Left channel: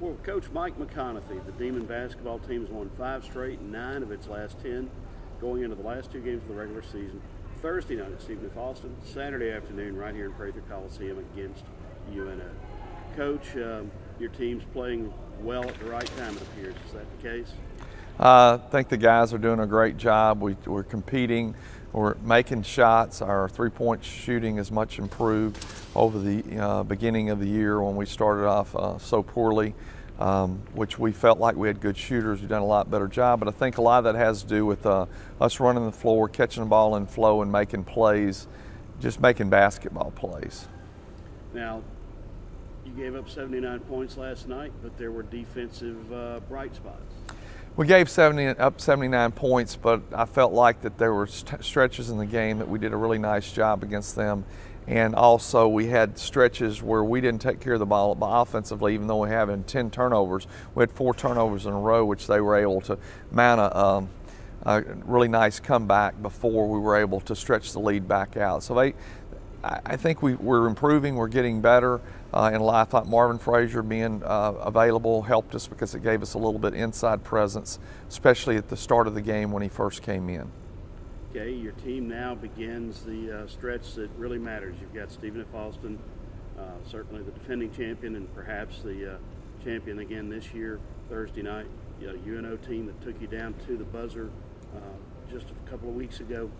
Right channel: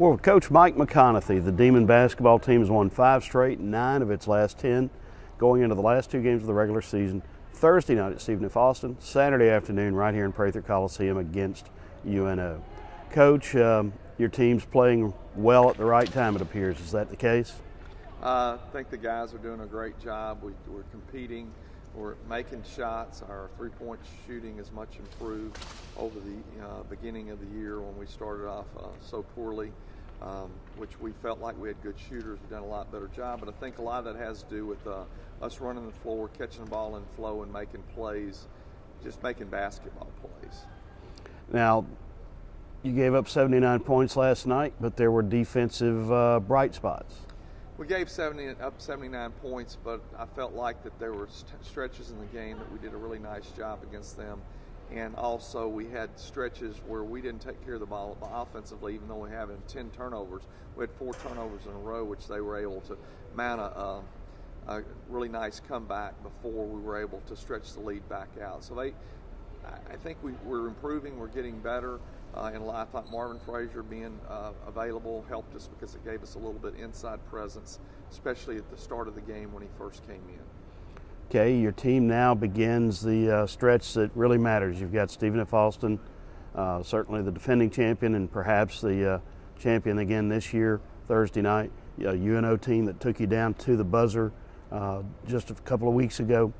Well, with Coach Mike McConathy, the Demon basketball team has won 5 straight, 9 of its last 10, going into the last 2 games of the regular season. Thursday night at Stephen F. Austin, Saturday afternoon right here in Prather Coliseum against UNO. Coach, your team's playing well at the right time, it appears. Is that the case? I think the guys are doing a great job. We're competing. We're making shots. Our three-point shooting is much improved over the beginning of the year when we started off so poorly, which we felt like we had good shooters. We've done a lot better job, but I think a lot of that has to do with us running the floor, catching the ball in flow, and making plays, just making basketball plays. Now, you gave up 79 points last night, but there were defensive bright spots. We gave up 79 points, but I felt like that there were stretches in the game that we did a really nice job against them. And also we had stretches where we didn't take care of the ball offensively, even though we had 10 turnovers. We had 4 turnovers in a row, which they were able to mount a really nice comeback before we were able to stretch the lead back out. So I think we're improving, we're getting better. And I thought Marvin Frazier being available helped us because it gave us a little bit inside presence, especially at the start of the game when he first came in. Okay, your team now begins the stretch that really matters. You've got Stephen F. Austin, certainly the defending champion and perhaps the champion again this year, Thursday night. A UNO team that took you down to the buzzer just a couple of weeks ago,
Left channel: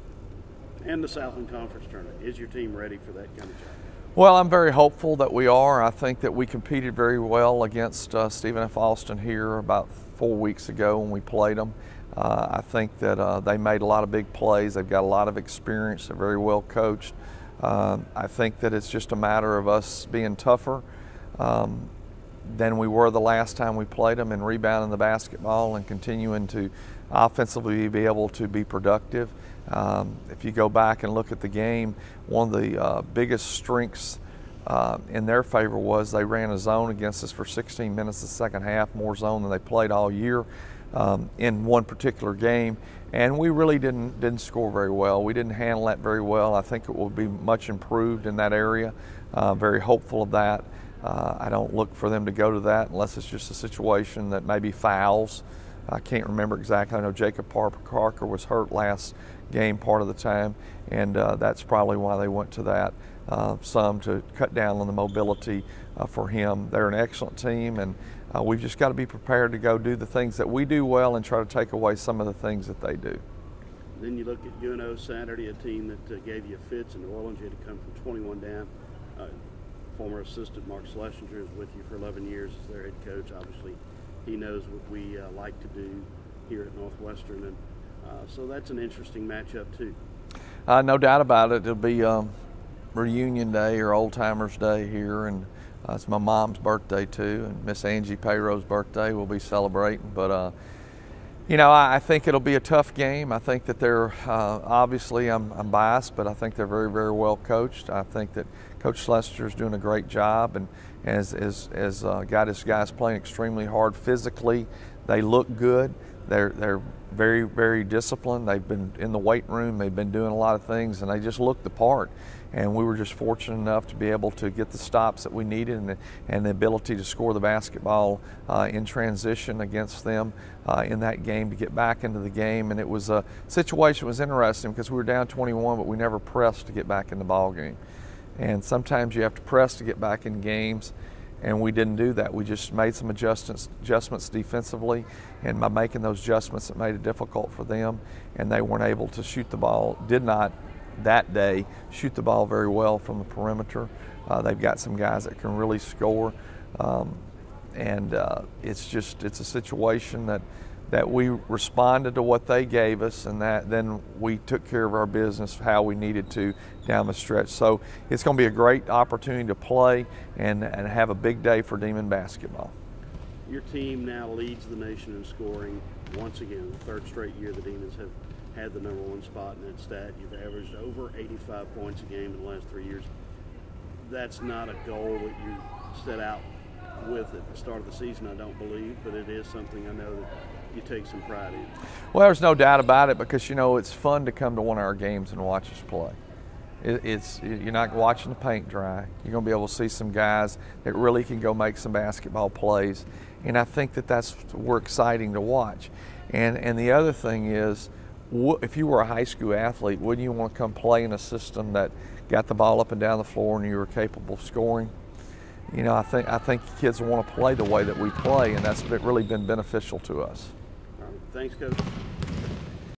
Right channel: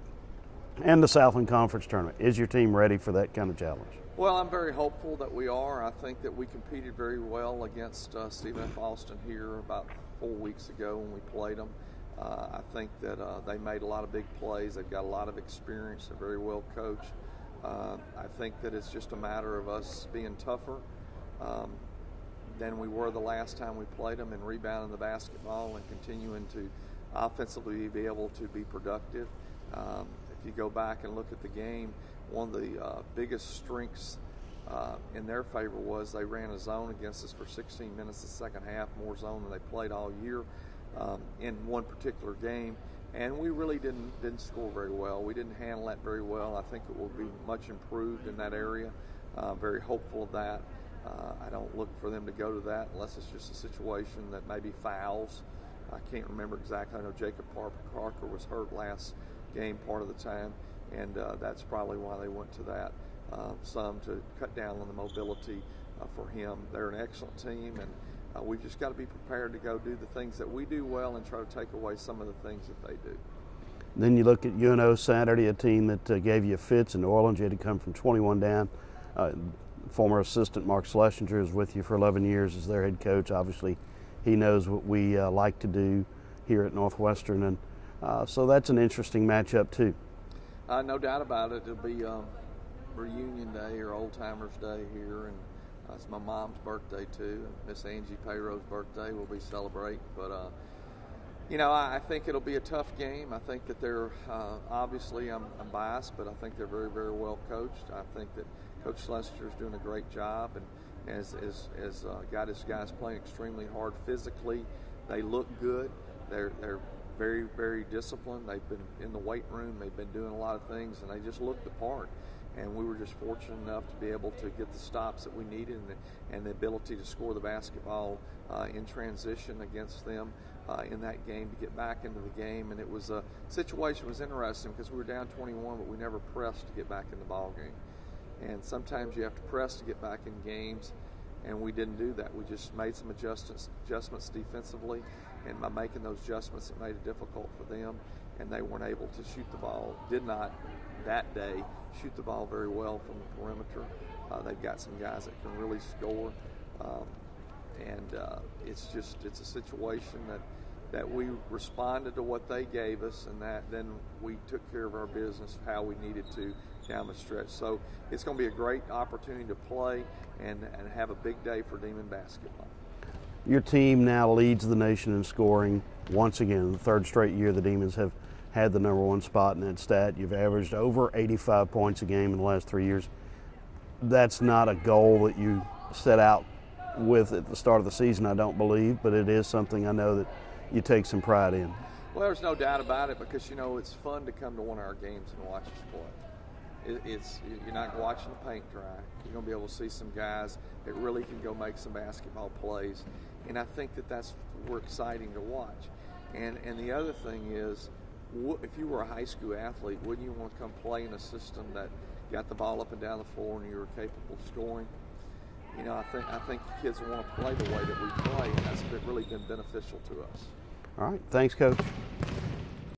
and the Southland Conference Tournament. Is your team ready for that kind of challenge? Well, I'm very hopeful that we are. I think that we competed very well against Stephen F. Austin here about 4 weeks ago when we played them. I think that they made a lot of big plays. They've got a lot of experience. They're very well coached. I think that it's just a matter of us being tougher than we were the last time we played them and rebounding the basketball and continuing to offensively be able to be productive. If you go back and look at the game, one of the biggest strengths in their favor was they ran a zone against us for 16 minutes the second half, more zone than they played all year in one particular game, and we really didn't score very well. We didn't handle that very well. I think it will be much improved in that area. Very hopeful of that. I don't look for them to go to that unless it's just a situation that maybe fouls. I can't remember exactly. I know Jacob Parker was hurt last game part of the time, and that's probably why they went to that, some to cut down on the mobility for him. They're an excellent team, and we've just got to be prepared to go do the things that we do well and try to take away some of the things that they do. Then you look at UNO Saturday, a team that gave you fits in New Orleans. You had to come from 21 down. Former assistant Mark Schlesinger is with you for 11 years as their head coach. Obviously, he knows what we like to do here at Northwestern, and so that's an interesting matchup too. No doubt about it. It'll be reunion day or old timers day here, and it's my mom's birthday too, and Miss Angie Payro's birthday. We'll be celebrating, but you know, I think it'll be a tough game. I think that they're obviously I'm biased, but I think they're very, very well coached. I think that Coach Schlesinger is doing a great job, and has got his guys playing extremely hard physically. They look good. They're very, very disciplined. They've been in the weight room. They've been doing a lot of things, and they just look the part. And we were just fortunate enough to be able to get the stops that we needed and the ability to score the basketball in transition against them in that game to get back into the game. And it was a situation that was interesting because we were down 21, but we never pressed to get back in the ball game. And sometimes you have to press to get back in games, and we didn't do that. We just made some adjustments defensively, and by making those adjustments, it made it difficult for them, and they weren't able to shoot the ball, did not that day shoot the ball very well from the perimeter. They've got some guys that can really score, and it's a situation that we responded to what they gave us, and then we took care of our business how we needed to down the stretch. So it's going to be a great opportunity to play and have a big day for Demon basketball. Your team now leads the nation in scoring once again. The 3rd straight year the Demons have had the #1 spot in that stat. You've averaged over 85 points a game in the last 3 years. That's not a goal that you set out with at the start of the season, I don't believe, but it is something I know that you take some pride in. Well, there's no doubt about it because, you know, it's fun to come to one of our games and watch us play. You're not watching the paint dry. You're going to be able to see some guys that really can go make some basketball plays, and I think that's exciting to watch. And the other thing is, if you were a high school athlete, wouldn't you want to come play in a system that got the ball up and down the floor and you were capable of scoring? You know, I think kids want to play the way that we play, and that's really been beneficial to us. All right, thanks, Coach.